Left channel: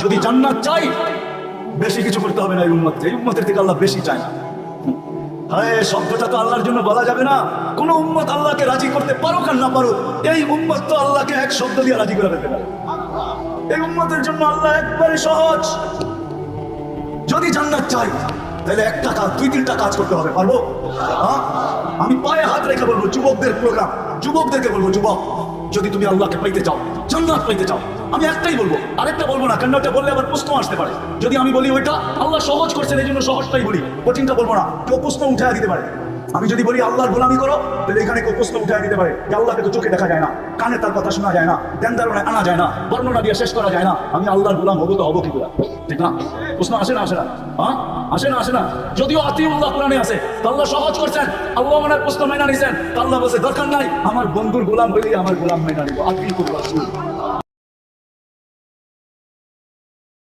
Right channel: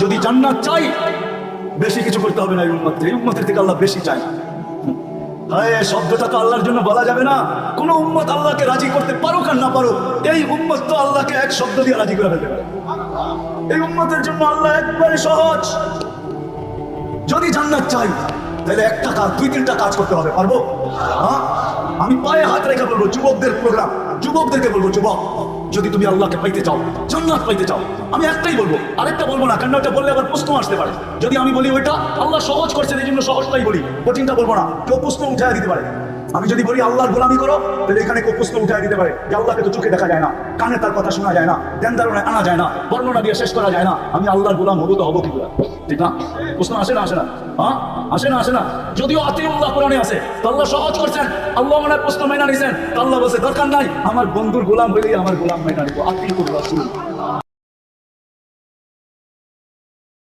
যদি জান্নাত চাই বেশি কিছু করতে হবে না। এই উম্মতের থেকে আল্লাহ বেশি চায়। হায়, শব্দটা তো আল্লাহর জন্য বলা যাবে না। কোন উম্মত আল্লাহকে রাজি করতে পারুক আর না পারুক, এই উম্মত তো আল্লাহকে এক শব্দ দিয়ে রাজি করে ফেলতে পারে। এই উম্মতের জন্য আল্লাহ একবারে সহজ। যদি জান্নাত চাই তাহলে একটা কাজ, 2-3টা কাজ করতে হবে। পারবো? হ্যাঁ, আমি পায়ে হাত রেখে বলবো, যুবকদের প্রোগ্রাম, যুবকদেরকে বলবো, যুবক যদি তুমি আল্লাহকে পাইতে চাও, জান্নাত পাইতে চাও, আমি একটাই বলবো, আরেকটা বলবো না। কেন ওটা বললে আবার প্রশ্ন আসতে পারে। যদি আমি বলি ওইটা আল্লাহ সহজ করছেন এই জন্য সহজটাই বলি, কঠিনটা বলবো না, কেউ প্রশ্ন উঠায় দিতে পারে। আমি যদি বলি আল্লাহর গোলামি করো, তাহলে এখানে কেউ প্রশ্ন উঠায় দিতে পারে যে আল্লাহকে তো চোখে দেখা যায় না, কানে তার কথা শোনা যায় না, ধ্যান ধারণায় আনা যায় না, বর্ণনা দিয়ে শেষ করা যায় না, আমি আল্লাহর গোলাম হবো তো হবো কিনা? ঠিক না? প্রশ্ন আসে না? আসে না? হ্যাঁ, আসে না? আসে না? যদিও আতিউল্লাহ কোরআনে আছে, তো আল্লাহ সহজ করছেন। আল্লাহ ওনার প্রশ্ন মেনে নিছেন, আল্লাহ বলছে দরকার নাই, আমার বন্ধুর গোলাম হইলেই আমার গোলাম মেনে নিব। আতিউর রাসূল।